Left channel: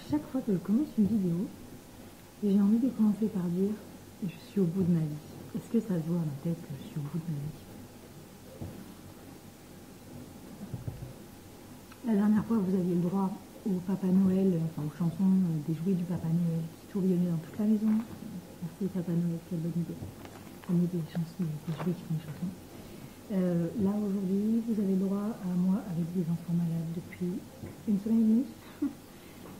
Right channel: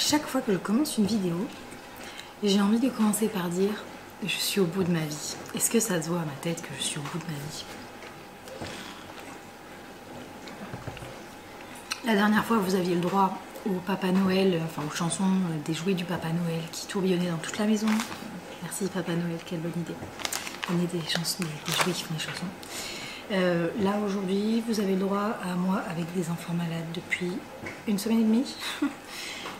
chaque fois que je commence une vidéo, j'ai envie de commencer par dire « Je suis au bout de ma vie ». Est-ce que ça se voit à ma tête que je suis au bout de ma vie? La dernière fois, vous aviez le droit au Papa Noël, enfin aux chansons des jouets du Papa Noël qui tourbillonnaient dans toute la maison. Merci Papa Noël, quelle bonne idée. On est des chansons, des jouets qui font des chansons. Là aujourd'hui, vous avez le droit à moi avec des enfants malades depuis une semaine et demie.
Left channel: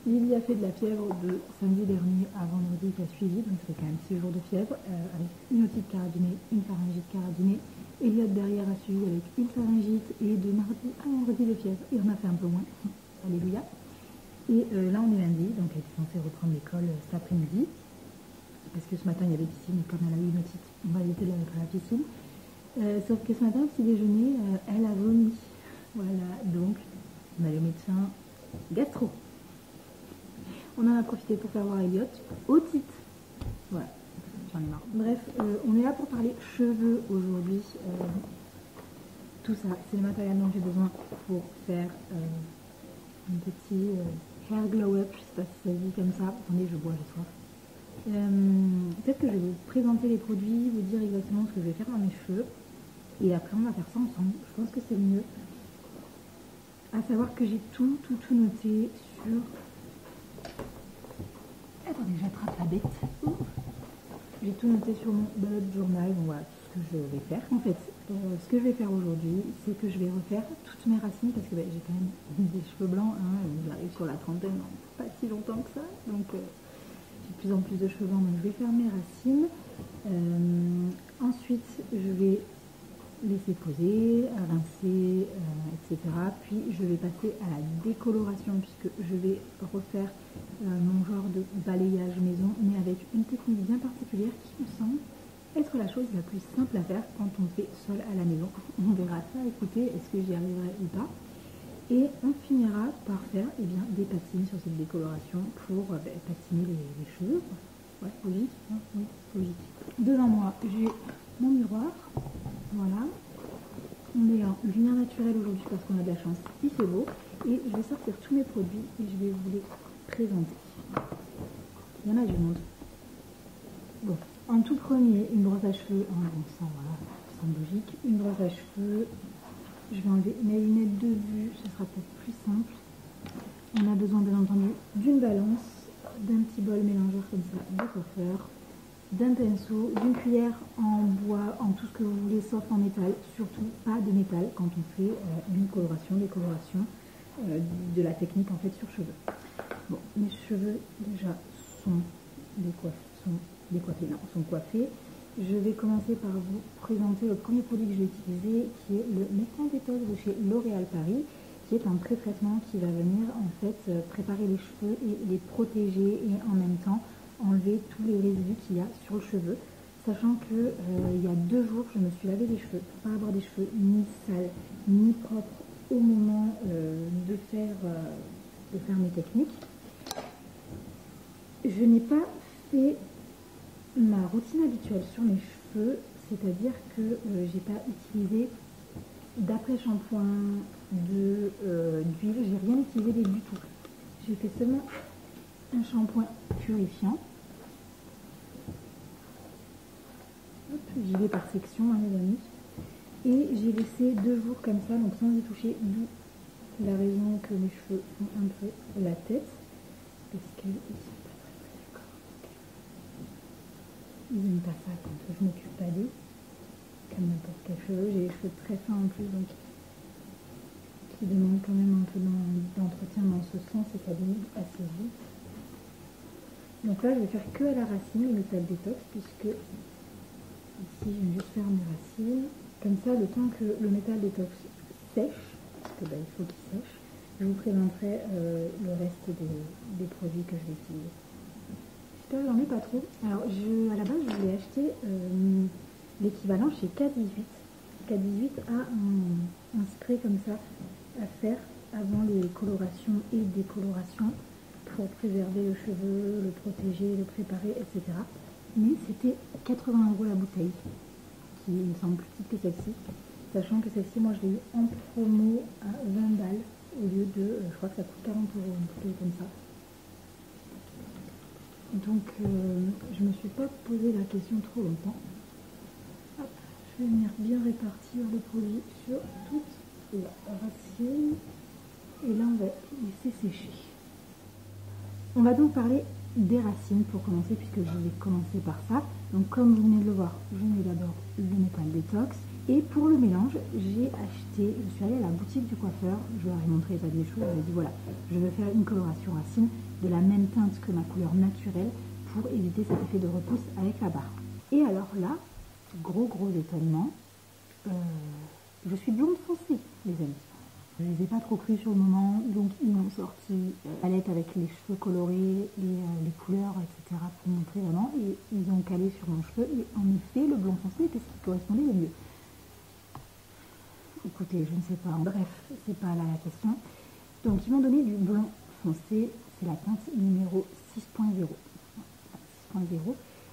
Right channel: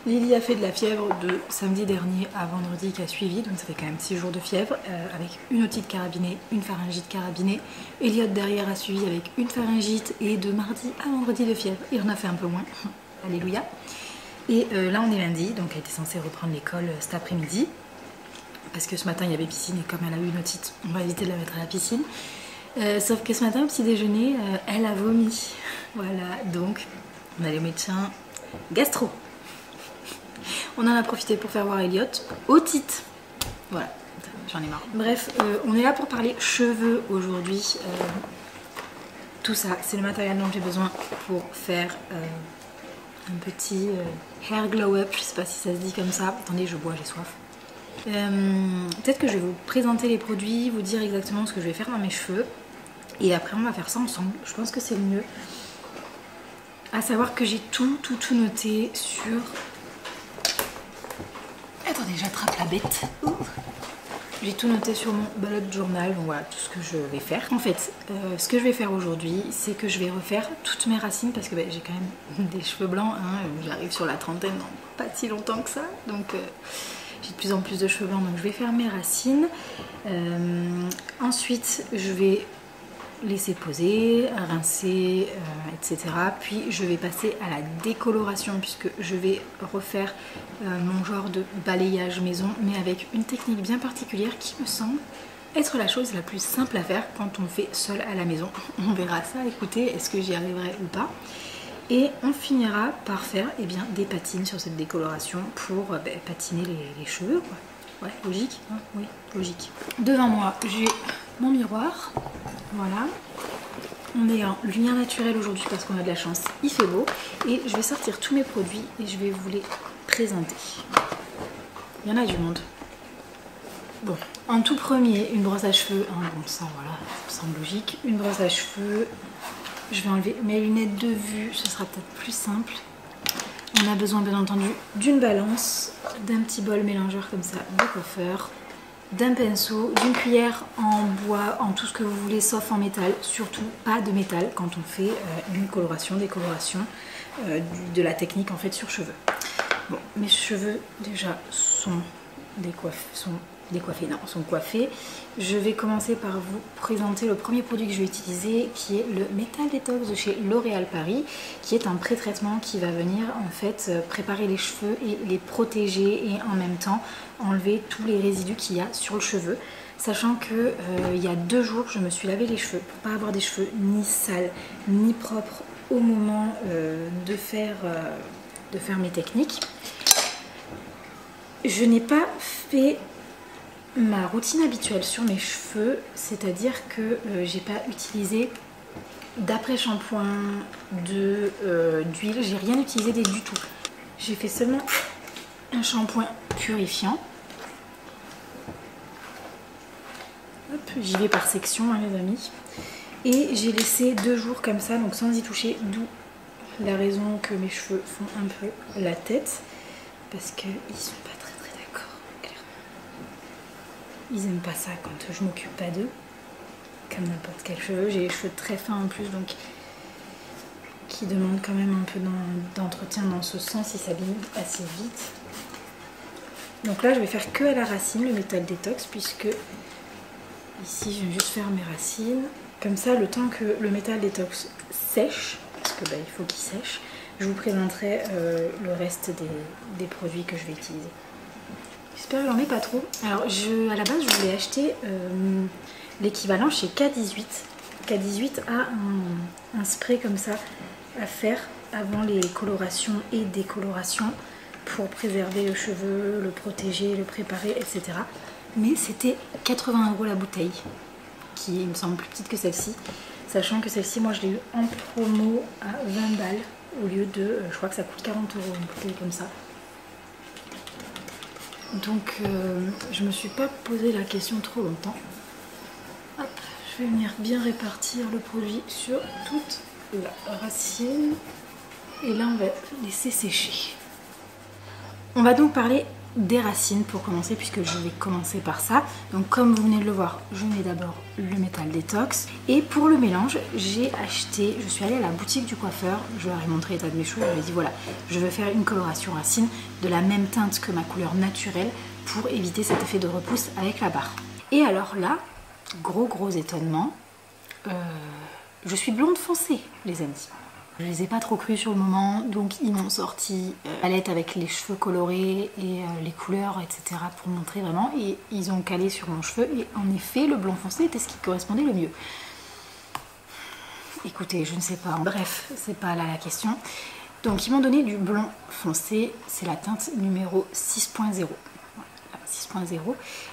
Lily a fait de la fièvre de samedi dernier à vendredi qui a suivi, donc ça fait quand même 6 jours de fièvre, avec une otite carabinée, une pharyngite carabinée. Elliot derrière a suivi avec une pharyngite et de mardi à vendredi de fièvre. Et on a fait un peu moins, alléluia. Et là on est lundi, donc elle était censée reprendre l'école cet après-midi. Parce que ce matin il y avait piscine et comme elle a eu une otite, on va éviter de la mettre à la piscine. Sauf que ce matin au petit déjeuner, elle a vomi. Voilà, donc on allait au médecin gastro. On en a profité pour faire voir Elliot. Otite. Voilà, j'en ai marre. Bref, on est là pour parler cheveux aujourd'hui. Tout ça, c'est le matériel dont j'ai besoin pour faire un petit hair glow up. Je sais pas si ça se dit comme ça. Attendez, je bois, j'ai soif. Peut-être que je vais vous présenter les produits, vous dire exactement ce que je vais faire dans mes cheveux. Et après, on va faire ça ensemble. Je pense que c'est le mieux. À savoir que j'ai tout noté sur... Attendez, j'attrape la bête. J'ai tout noté sur mon bullet journal, donc voilà tout ce que je vais faire. En fait, ce que je vais faire aujourd'hui, c'est que je vais refaire toutes mes racines parce que j'ai quand même des cheveux blancs. Hein, j'arrive sur la trentaine dans pas si longtemps que ça, donc j'ai de plus en plus de cheveux blancs, donc je vais faire mes racines. Ensuite, je vais laisser poser, rincer, etc. Puis je vais passer à la décoloration puisque je vais refaire mon genre de balayage maison, mais avec une technique bien particulière qui me semble être la chose la plus simple à faire quand on le fait seul à la maison. On verra ça, écoutez, est-ce que j'y arriverai ou pas. Et on finira par faire des patines sur cette décoloration pour patiner les cheveux, quoi. Ouais, logique, hein, oui, logique. Devant moi, j'ai mon miroir, voilà. On est en lumière naturelle aujourd'hui parce qu'on a de la chance, il fait beau. Et je vais sortir tous mes produits et je vais vous les présenter. Il y en a du monde. Bon, en tout premier, une brosse à cheveux, hein, bon ça voilà, ça me semble logique. Une brosse à cheveux, je vais enlever mes lunettes de vue, ce sera peut-être plus simple. On a besoin bien entendu d'une balance, d'un petit bol mélangeur comme ça de coiffeur, d'un pinceau, d'une cuillère en bois, en tout ce que vous voulez sauf en métal, surtout pas de métal quand on fait une coloration, décoloration, de la technique en fait sur cheveux. Bon, mes cheveux déjà sont coiffés. Je vais commencer par vous présenter le premier produit que je vais utiliser qui est le Metal Detox de chez L'Oréal Paris, qui est un pré-traitement qui va venir en fait préparer les cheveux et les protéger et en même temps enlever tous les résidus qu'il y a sur le cheveu. Sachant que il y a 2 jours je me suis lavé les cheveux pour pas avoir des cheveux ni sales ni propres au moment de faire mes techniques. Je n'ai pas fait ma routine habituelle sur mes cheveux, c'est-à-dire que j'ai pas utilisé d'après-shampoing, d'huile, j'ai rien utilisé du tout. J'ai fait seulement un shampoing purifiant. J'y vais par section, hein, les amis. Et j'ai laissé 2 jours comme ça, donc sans y toucher, d'où la raison que mes cheveux font un peu la tête, parce qu'ils sont pas très d'accord, clairement. Ils aiment pas ça quand je m'occupe pas d'eux, comme n'importe quel cheveu. J'ai les cheveux très fins en plus, donc qui demandent quand même un peu d'entretien dans ce sens, ils s'abîment assez vite. Donc là je vais faire que à la racine le Metal Detox, puisque ici je vais juste faire mes racines. Comme ça, le temps que le Metal Detox sèche, parce que il faut qu'il sèche, je vous présenterai le reste des produits que je vais utiliser. J'espère que j'en mets pas trop. Alors à la base je voulais acheter l'équivalent chez K18. K18 a un spray comme ça à faire avant les colorations et décolorations pour préserver le cheveu, le protéger, le préparer, etc. Mais c'était 80 € la bouteille, qui me semble plus petite que celle-ci, sachant que celle-ci, moi je l'ai eu en promo à 20 balles au lieu de, je crois que ça coûte 40 € une bouteille comme ça. Donc je me suis pas posé la question trop longtemps. Hop, je vais venir bien répartir le produit sur toute la racine. Et là on va laisser sécher. On va donc parler des racines pour commencer, puisque je vais commencer par ça. Donc comme vous venez de le voir, je mets d'abord le métal détox. Et pour le mélange, j'ai acheté, je suis allée à la boutique du coiffeur, je leur ai montré l'état de mes cheveux, je lui ai dit voilà, je veux faire une coloration racine de la même teinte que ma couleur naturelle pour éviter cet effet de repousse avec la barre. Et alors là, gros étonnement, je suis blonde foncée les amis. Je les ai pas trop crus sur le moment, donc ils m'ont sorti palette avec les cheveux colorés et les couleurs, etc. pour montrer vraiment. Et ils ont calé sur mon cheveu et en effet, le blond foncé était ce qui correspondait le mieux. Écoutez, je ne sais pas. Bref, c'est pas là la question. Donc ils m'ont donné du blond foncé, c'est la teinte numéro 6.0. 6.0.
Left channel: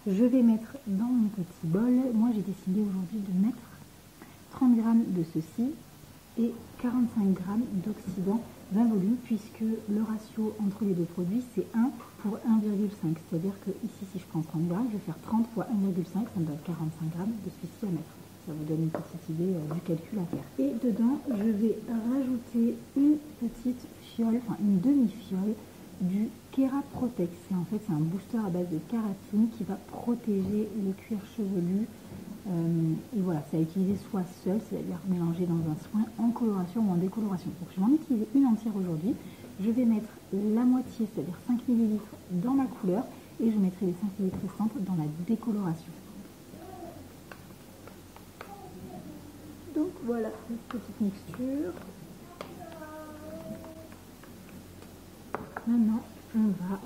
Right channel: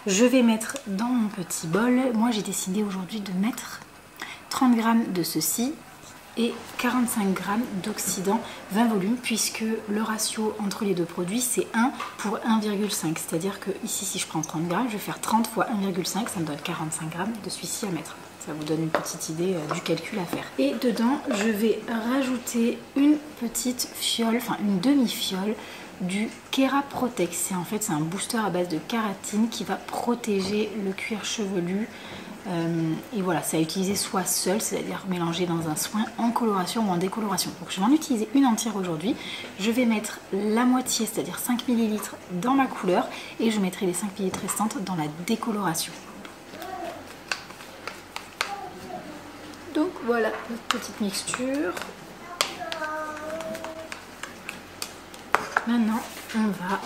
Je vais mettre dans mon petit bol. Moi j'ai décidé aujourd'hui de mettre 30 g de ceci et 45 g d'oxydant 20 volumes, puisque le ratio entre les deux produits c'est 1 pour 1,5, c'est à dire que ici si je prends 30 g, je vais faire 30 fois 1,5, ça me donne 45 g de celui-ci à mettre. Ça vous donne une petite idée du calcul à faire. Et dedans je vais rajouter une petite fiole, enfin une demi-fiole du Kera Protex. En fait c'est un booster à base de kératine qui va protéger le cuir chevelu. Et voilà, c'est à utiliser soit seul, c'est-à-dire mélangé dans un soin, en coloration ou en décoloration. Donc je vais en utiliser une entière aujourd'hui. Je vais mettre la moitié, c'est-à-dire 5 ml dans ma couleur, et je mettrai les 5 ml restantes dans la décoloration. Donc voilà notre petite mixture. Maintenant, on va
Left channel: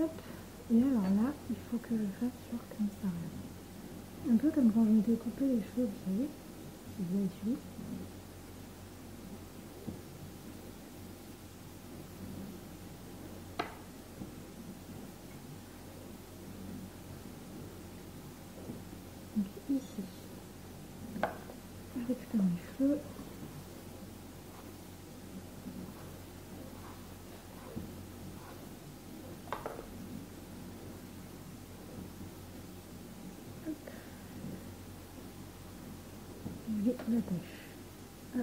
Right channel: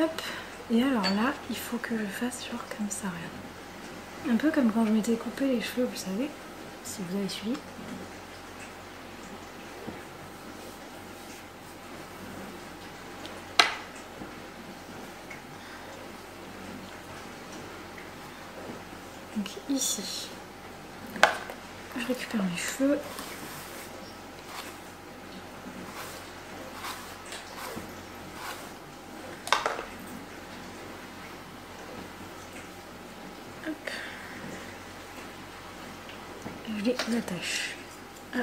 hop. Et alors là, il faut que je fasse genre comme ça, regarde. Un peu comme quand je m'étais coupé les cheveux, vous savez, si vous avez suivi. Donc ici, je récupère mes cheveux. Hop. Je les attache à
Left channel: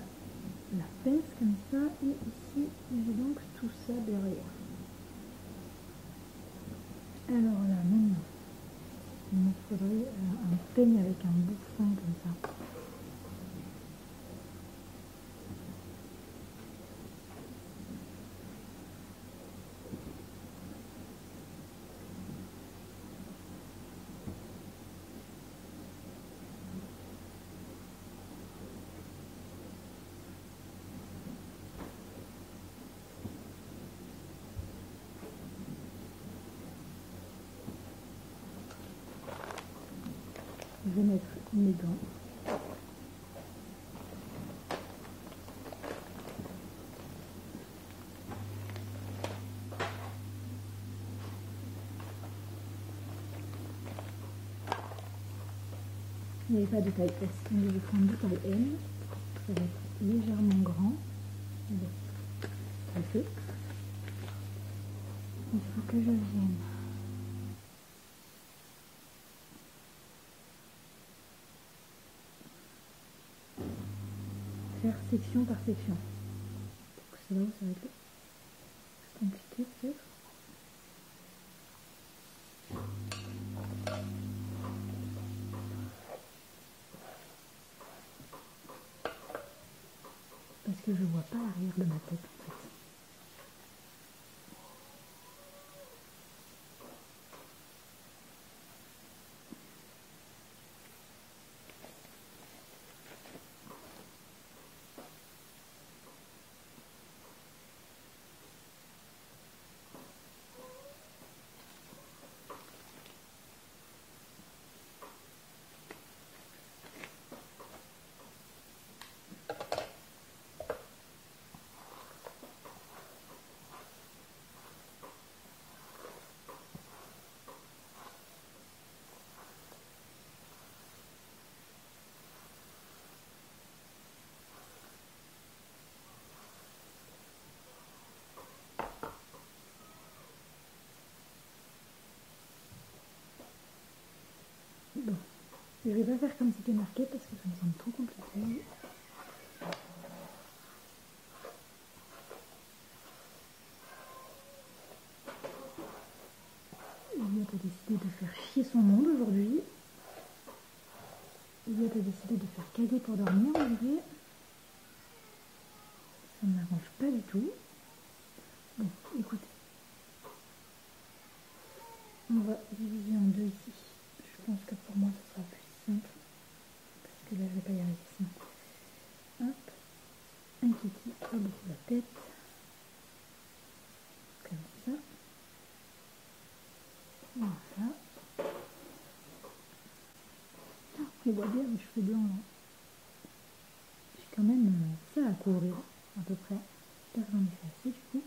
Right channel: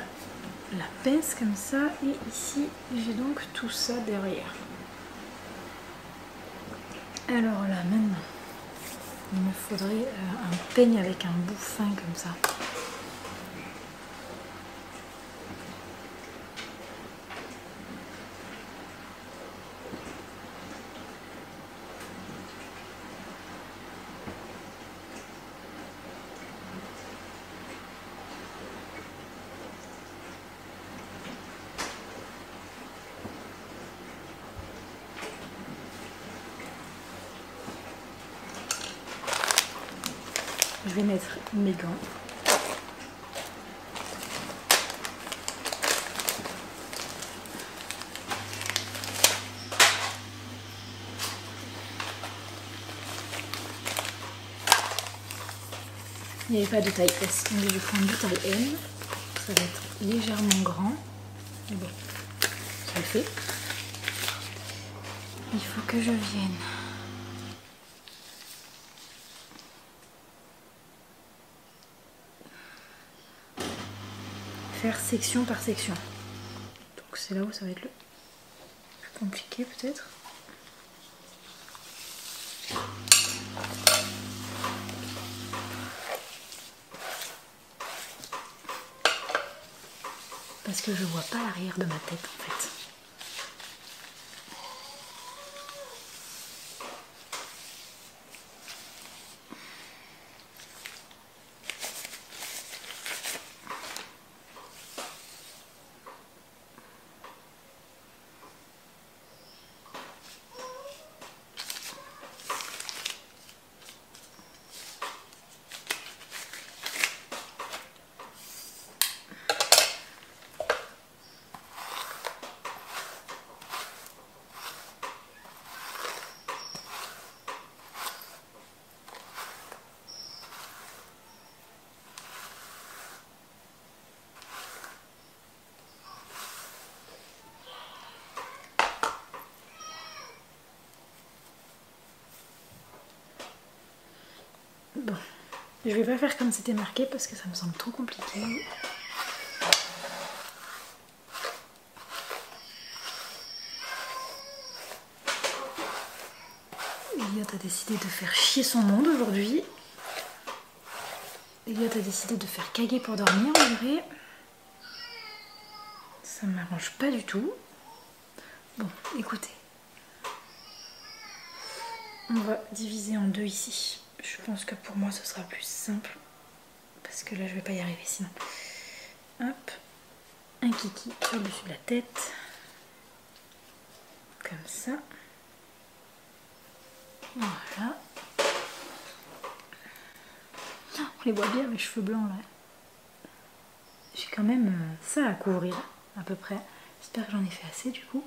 la pince comme ça. Et ici, j'ai donc tout ça derrière. Alors là, maintenant, il me faudrait un peigne avec un bout fin comme ça. Je vais mettre mes gants. Il n'y avait pas de taille S, donc je vais prendre du taille M. Ça va être légèrement grand. Mais bon, ça le fait. Il faut que je vienne faire section par section. Donc c'est là où ça va être le plus compliqué peut-être. Parce que je vois pas l'arrière de ma tête en fait. Je vais pas faire comme c'était marqué parce que ça me semble trop compliqué. Elliot a décidé de faire chier son monde aujourd'hui. Elliot a décidé de faire caguer pour dormir, en vrai. Ça ne m'arrange pas du tout. Bon, écoutez. On va diviser en deux ici. Je pense que pour moi ce sera plus simple. Parce que là je vais pas y arriver sinon. Hop. Un kiki sur le dessus de la tête. Comme ça. Voilà. On les voit bien mes cheveux blancs là. J'ai quand même ça à couvrir à peu près. J'espère que j'en ai fait assez du coup.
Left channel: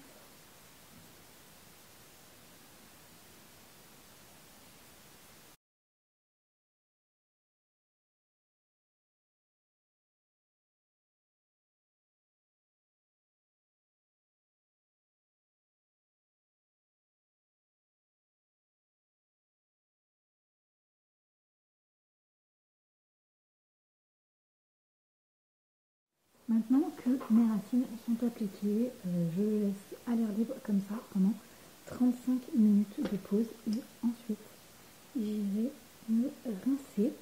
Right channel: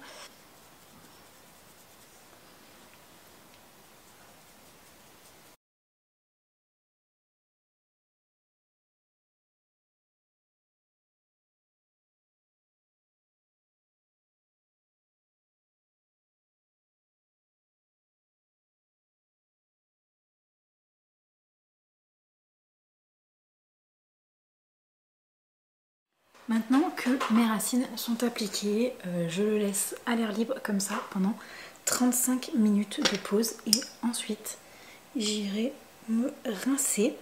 Maintenant que mes racines sont appliquées, je le laisse à l'air libre comme ça pendant 35 minutes de pause et ensuite j'irai me rincer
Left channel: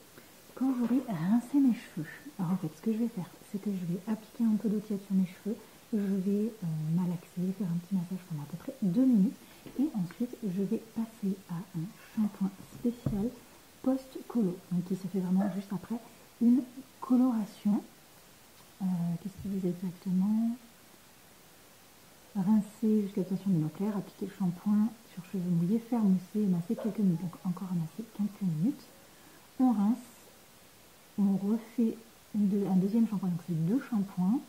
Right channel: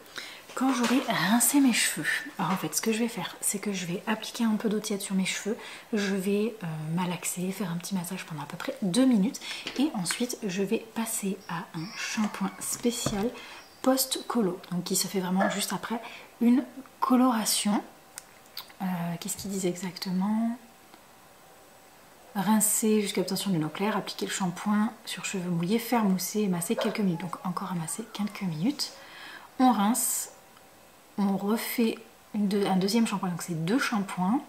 quand j'aurai rincé mes cheveux. Alors en fait ce que je vais faire c'est que je vais appliquer un peu d'eau tiède sur mes cheveux, je vais malaxer, faire un petit massage pendant à peu près 2 minutes et ensuite je vais passer à un shampoing spécial post-colo, donc qui se fait vraiment juste après une coloration. Qu'est-ce qu'il disait exactement? Rincer jusqu'à l'obtention d'une eau claire, appliquer le shampoing sur cheveux mouillés, faire mousser et masser quelques minutes. Donc encore à masser quelques minutes. On rince, on refait un deuxième shampoing, donc c'est 2 shampoings.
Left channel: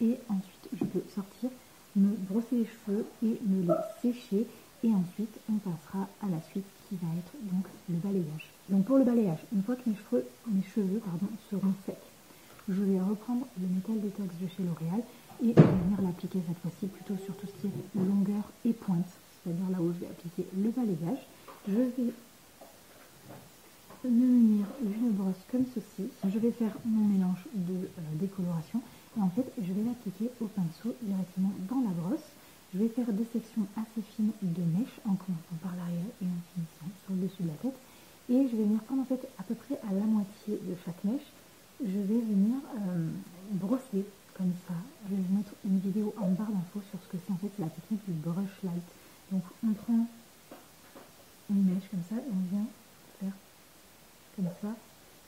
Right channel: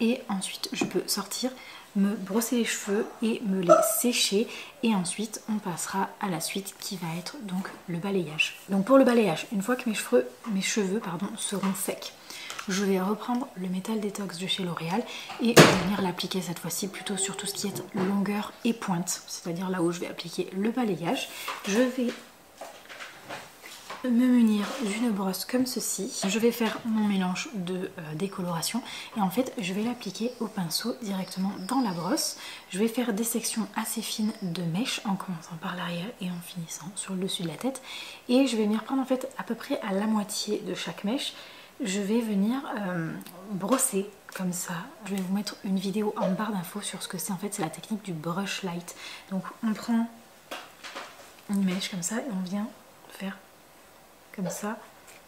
Et ensuite je peux sortir, me brosser les cheveux et me les sécher. Et ensuite on passera à la suite qui va être donc le balayage. Donc pour le balayage, une fois que mes cheveux seront secs, je vais reprendre le Métal Détox de chez L'Oréal et venir l'appliquer cette fois-ci plutôt sur tout ce qui est longueur et pointe, c'est-à-dire là où je vais appliquer le balayage. Je vais me munir d'une brosse comme ceci. Je vais faire mon mélange de décoloration et en fait je vais l'appliquer au pinceau directement dans la brosse. Je vais faire des sections assez fines de mèches en commençant par l'arrière et en finissant sur le dessus de la tête. Et je vais venir prendre en fait à peu près à la moitié de chaque mèche. Je vais venir brosser comme ça. Je vais vous mettre une vidéo en barre d'infos sur ce que c'est. En fait, c'est la technique du brush light. Donc, on prend une mèche comme ça et on vient faire comme ça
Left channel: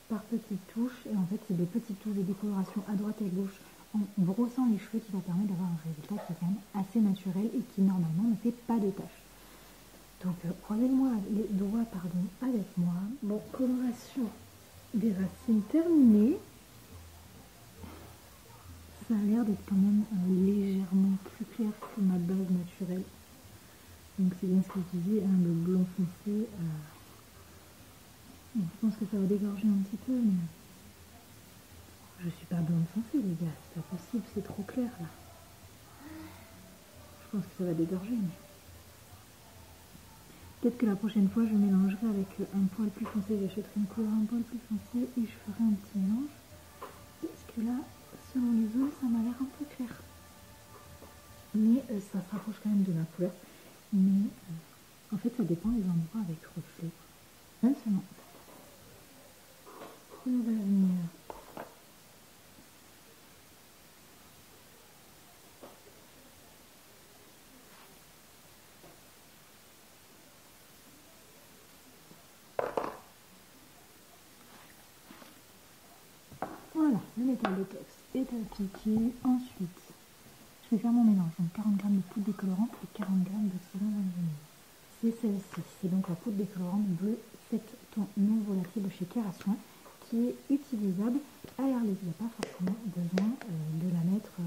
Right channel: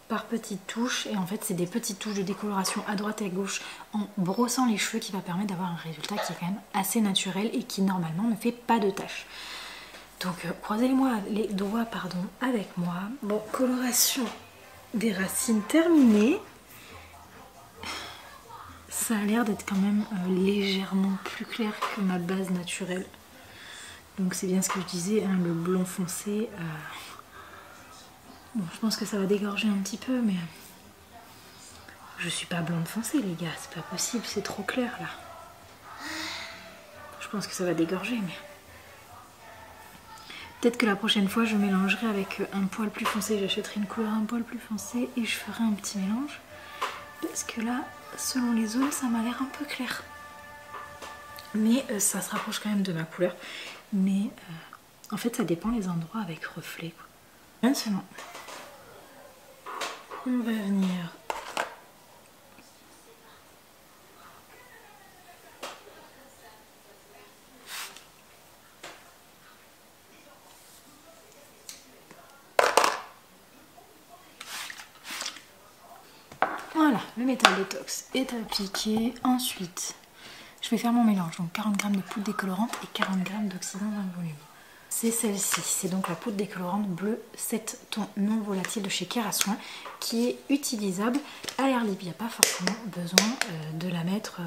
par petites touches. Et en fait, c'est des petites touches de décoloration à droite et à gauche en brossant les cheveux qui va permettre d'avoir un résultat qui est quand même assez naturel et qui normalement ne fait pas de taches. Donc, croisez-moi les doigts avec moi. Bon, coloration des racines terminées. Ça a l'air d'être quand même légèrement plus clair que ma base naturelle. Donc c'est bien ce que je disais, hein, le blond foncé. Bon, je pense que ça va dégorger un petit peu, mais je suis pas blonde foncée les gars, c'est pas possible, c'est trop clair là. Je pense que ça va dégorger, mais peut-être que la prochaine fois je mélangerai avec un poil plus foncé, j'achèterai une couleur un poil plus foncé et je ferai un petit mélange. Parce que là, selon les zones, ça m'a l'air un peu clair. Mais ça se rapproche quand même de ma couleur. Mais en fait, ça dépend les endroits avec reflet. Maintenant, on va venir voilà, le Métal Détox est appliqué. Ensuite, je vais faire mon mélange. Donc 40 g de poudre décolorante et 40 g d'oxydant d'un volume. C'est celle-ci, c'est donc la poudre décolorante bleu 7 tons non volatile de chez Kérastouin qui est utilisable à l'air libre. Il n'y a pas forcément besoin de la mettre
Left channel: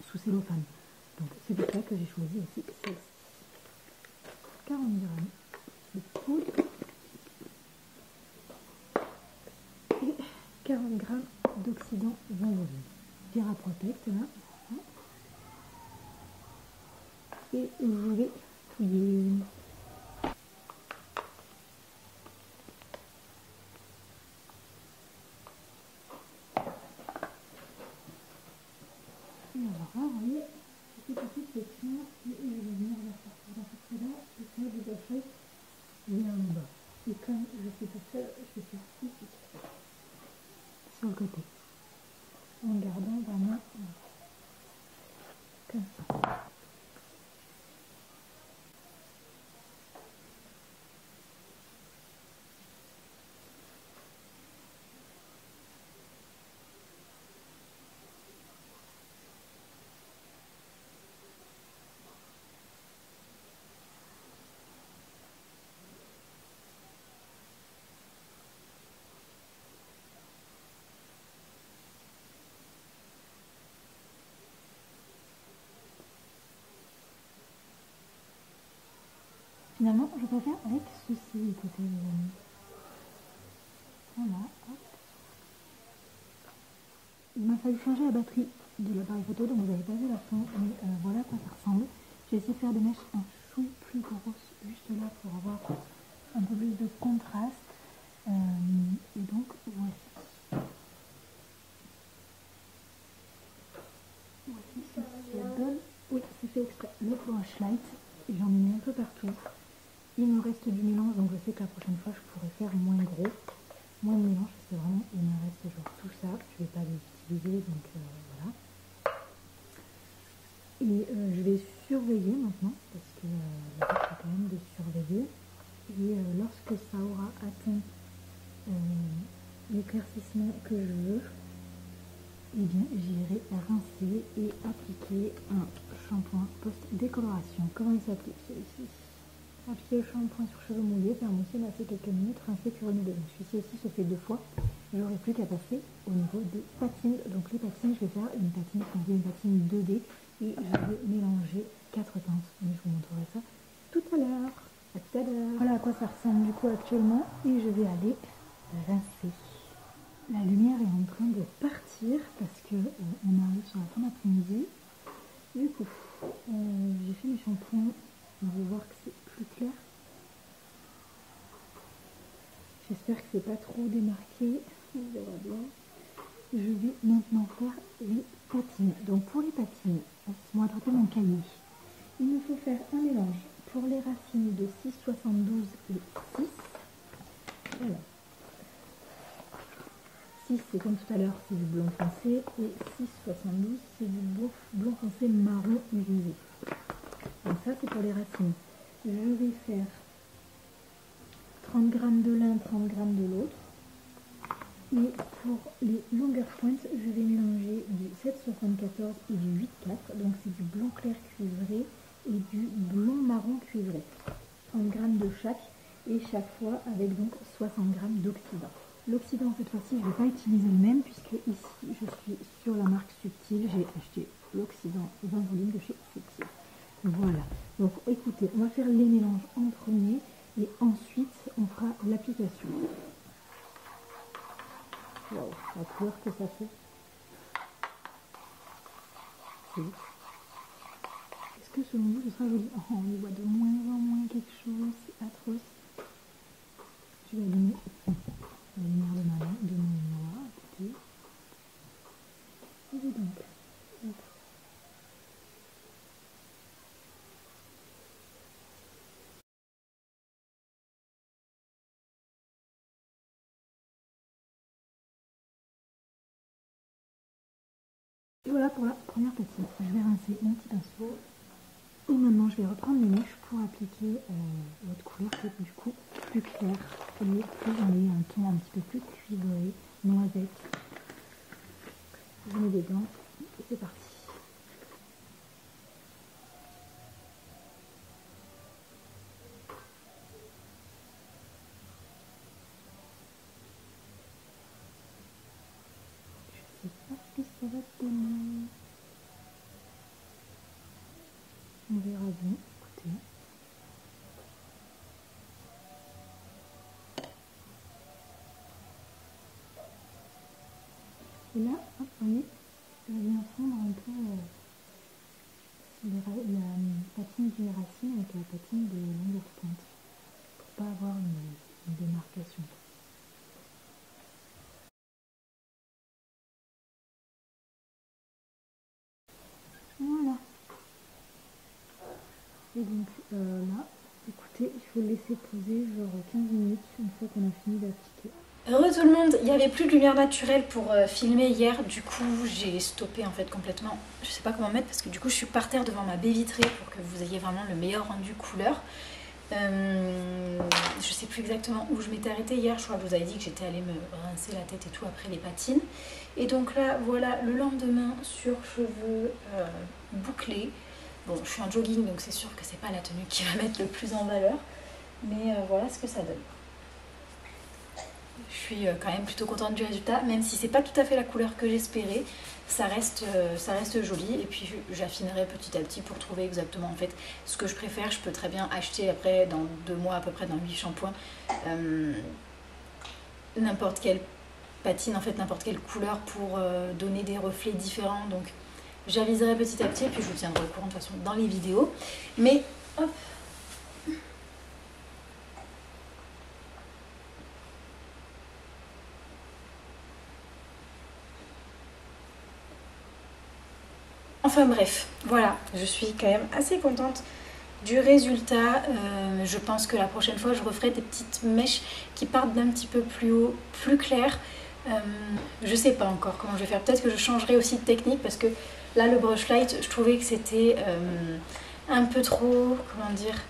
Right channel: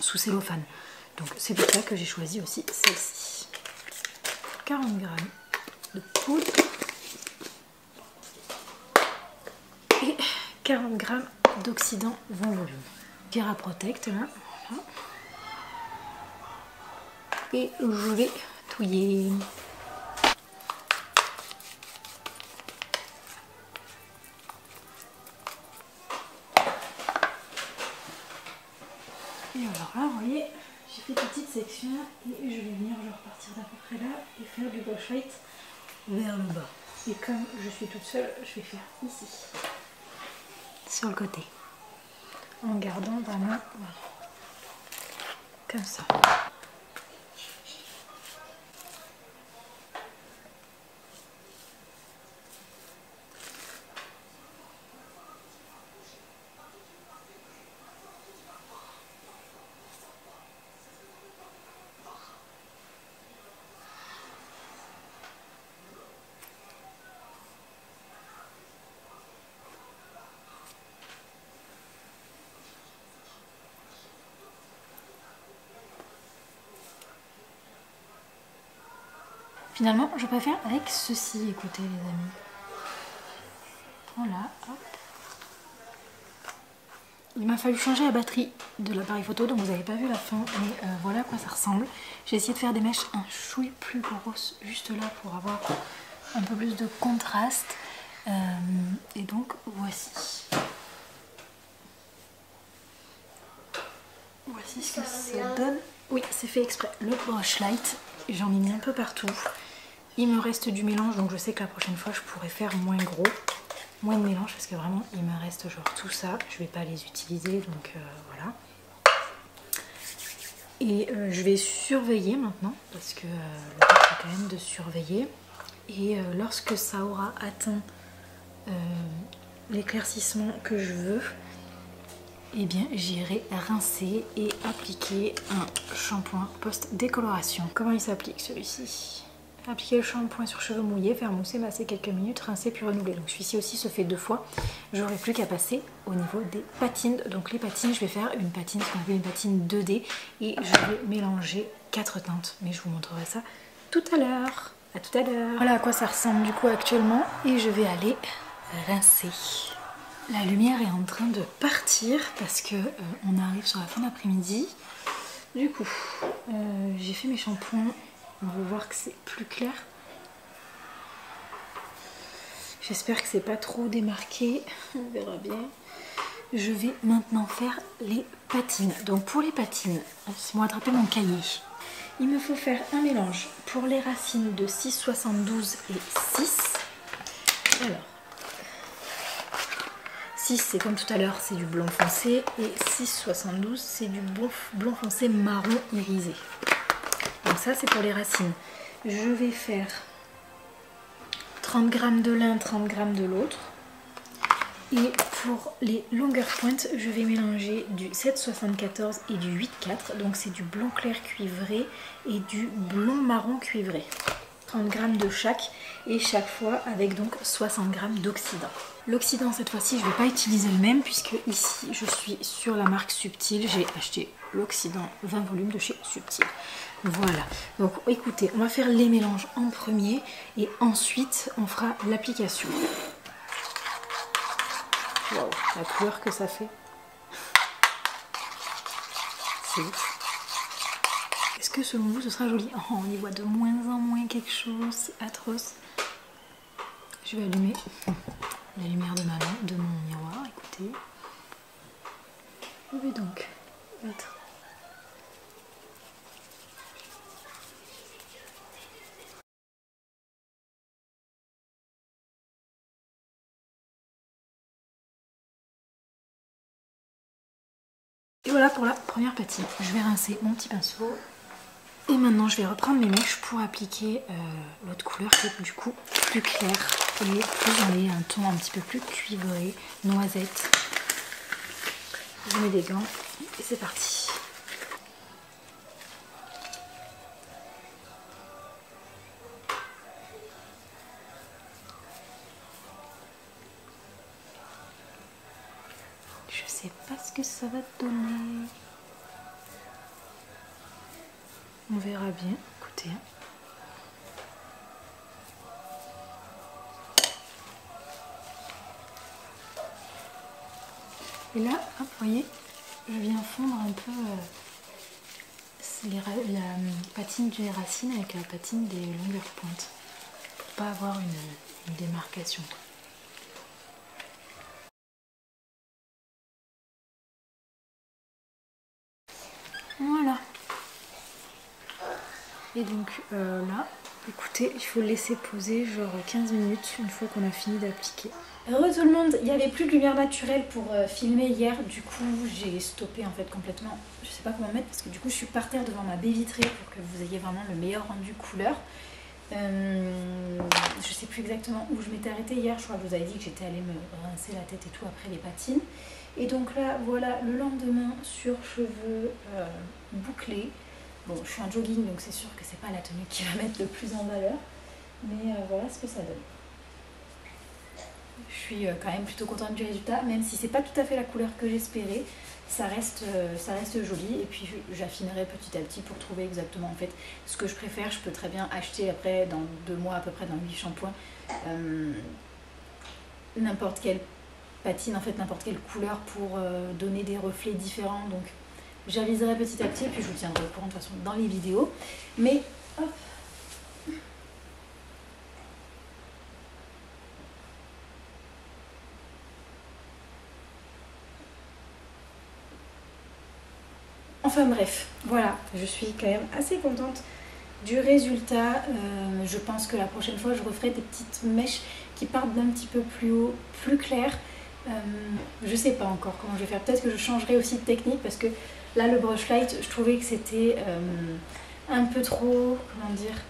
sous cellophane. Donc c'est pour ça que j'ai choisi aussi celle-ci. 40 g de poudre et 40 g d'oxydant 20 volume. Kera Protect là. Voilà. Et je vais touiller. Et alors là, vous voyez, j'ai fait petite section et je vais venir repartir d'à peu près là et faire du brush light vers le bas. Et comme je suis toute seule, je vais faire ici, sur le côté, en gardant vraiment, voilà, comme ça. Finalement, je préfère avec ceci, écoutez les amis. Voilà, hop. Il m'a fallu changer la batterie de l'appareil photo, donc vous n'avez pas vu la fin, mais voilà à quoi ça ressemble. J'ai essayé de faire des mèches un chouille plus grosses, juste là, pour avoir un peu plus de contraste. Et donc, voici. Voici ce que ça donne. Oui, c'est fait exprès. Le brush light, j'en ai mis un peu partout. Il me reste du mélange, donc je sais que la prochaine fois, je pourrais faire moins gros. Moins de mélange, parce que vraiment, il me reste genre tout ça. Je vais pas les utiliser, donc voilà. Et je vais surveiller maintenant, parce que le but, c'est quand même de surveiller. Et lorsque ça aura atteint l'éclaircissement que je veux, eh bien j'irai rincer et appliquer un shampoing post-décoloration. Comment il s'applique celui-ci? Appliquer le shampoing sur cheveux mouillés, faire mousser, masser quelques minutes, rincer puis renouveler. Donc celui-ci aussi se fait 2 fois. J'aurai plus qu'à passer au niveau des patines. Donc les patines, je vais faire une patine, ce qu'on appelle une patine 2D, et je vais mélanger 4 teintes. Mais je vous montrerai ça tout à l'heure. À tout à l'heure. Voilà à quoi ça ressemble du coup actuellement, et je vais aller rincer. La lumière est en train de partir parce que on arrive sur la fin d'après-midi. Du coup, j'ai fait mes shampoings. On va voir que c'est plus clair. J'espère que c'est pas trop démarqué. On verra bien. Je vais maintenant faire les patines. Donc pour les patines, laissez-moi attraper mon cahier. Il me faut faire un mélange pour les racines de 6,72 et 6. Alors, 6 c'est comme tout à l'heure, c'est du blond foncé, et 6,72 c'est du blond foncé marron irisé. Donc ça c'est pour les racines. Je vais faire 30 g de l'un, 30 g de l'autre. Et pour les longueurs pointes, je vais mélanger du 7,74 et du 8,4. Donc c'est du blond clair cuivré et du blond marron cuivré. 30 g de chaque, et chaque fois avec donc 60 g d'oxydant. L'oxydant cette fois-ci je ne vais pas utiliser le même, puisque ici je suis sur la marque Subtil. J'ai acheté l'oxydant 20 volumes de chez Subtil. Voilà, donc écoutez, on va faire les mélanges en premier et ensuite on fera l'application. Wow, la couleur que ça fait. C'est ouf. Est-ce que selon vous ce sera joli? Oh, on y voit de moins en moins quelque chose, c'est atroce. Je vais allumer la lumière de ma lampe, de mon miroir, écoutez. Je vais donc mettre et voilà pour la première patine. Je vais rincer mon petit pinceau. Et maintenant je vais reprendre mes mèches pour appliquer l'autre couleur qui est du coup plus claire et plus dans un ton un petit peu plus cuivré, noisette. Je mets des gants et c'est parti. Je sais pas ce que ça va donner. On verra bien, écoutez. Et là, hop, vous voyez, je viens fondre un peu la patine des racines avec la patine des longueurs pointes, pour pas avoir une démarcation. Voilà. Et donc là, écoutez, il faut le laisser poser genre 15 minutes une fois qu'on a fini d'appliquer. Heureux tout le monde, il n'y avait plus de lumière naturelle pour filmer hier, du coup j'ai stoppé en fait complètement. Je sais pas comment mettre parce que du coup je suis par terre devant ma baie vitrée pour que vous ayez vraiment le meilleur rendu couleur. Je sais plus exactement où je m'étais arrêtée hier, je crois que je vous avais dit que j'étais allée me rincer la tête et tout après les patines. Et donc là voilà le lendemain sur cheveux bouclés. Bon, je suis en jogging donc c'est sûr que c'est pas la tenue qui va mettre le plus en valeur, mais voilà ce que ça donne. Je suis quand même plutôt contente du résultat, même si c'est pas tout à fait la couleur que j'espérais, ça reste joli et puis j'affinerai petit à petit pour trouver exactement en fait ce que je préfère. Je peux très bien acheter après dans 2 mois à peu près dans 8 shampoings n'importe quelle patine, en fait n'importe quelle couleur pour donner des reflets différents, donc j'aviserai petit à petit et puis je vous tiendrai au courant de toute façon dans les vidéos. Mais hop. Enfin bref, voilà, je suis quand même assez contente du résultat. Je pense que la prochaine fois, je referai des petites mèches qui partent d'un petit peu plus haut, plus clair. Je sais pas encore comment je vais faire. Peut-être que je changerai aussi de technique parce que là, le brush light, je trouvais que c'était un peu trop, comment dire,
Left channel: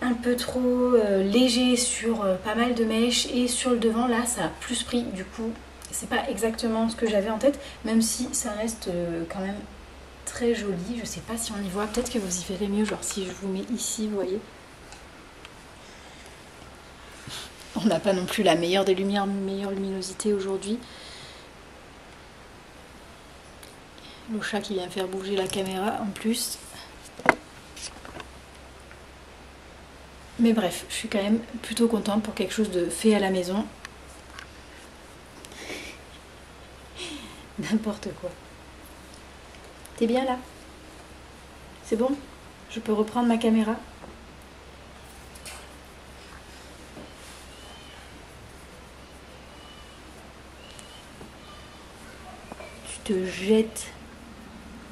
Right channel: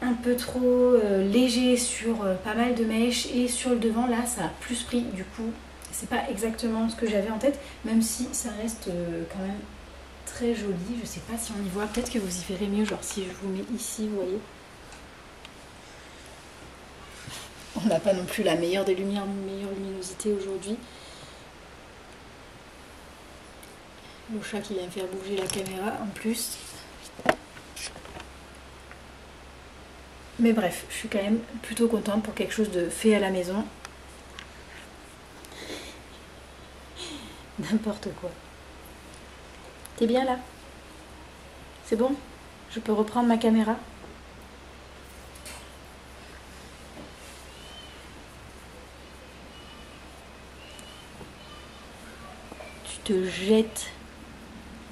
un peu trop léger sur pas mal de mèches et sur le devant, là, ça a plus pris du coup. C'est pas exactement ce que j'avais en tête, même si ça reste quand même très joli. Je sais pas si on y voit, peut-être que vous y verrez mieux, genre si je vous mets ici, vous voyez. On n'a pas non plus la meilleure des lumières, meilleure luminosité aujourd'hui. Le chat qui vient faire bouger la caméra en plus. Mais bref, je suis quand même plutôt contente pour quelque chose de fait à la maison. N'importe quoi. T'es bien là? C'est bon? Je peux reprendre ma caméra? Tu te jettes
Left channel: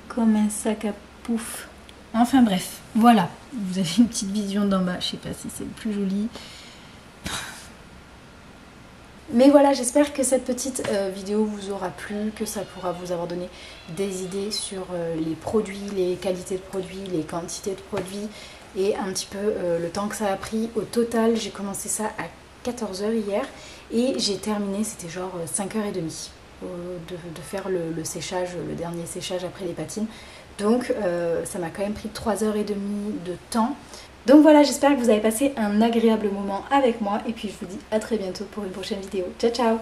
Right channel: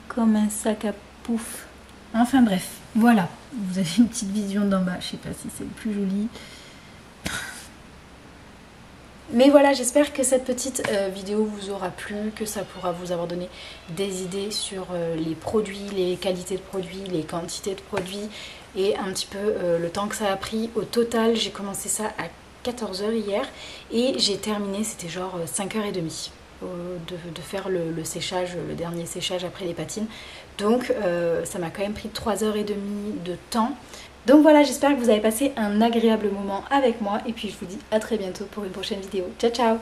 comme un sac à pouf. Enfin bref, voilà. Vous avez une petite vision d'en bas. Je sais pas si c'est le plus joli. Mais voilà, j'espère que cette petite vidéo vous aura plu, que ça pourra vous avoir donné des idées sur les produits, les qualités de produits, les quantités de produits et un petit peu le temps que ça a pris. Au total, j'ai commencé ça à 14 h hier et j'ai terminé, c'était genre 5h30 de faire le séchage, le dernier séchage après les patines. Donc ça m'a quand même pris 3h30 de temps. Donc voilà, j'espère que vous avez passé un agréable moment avec moi et puis je vous dis à très bientôt pour une prochaine vidéo. Ciao ciao!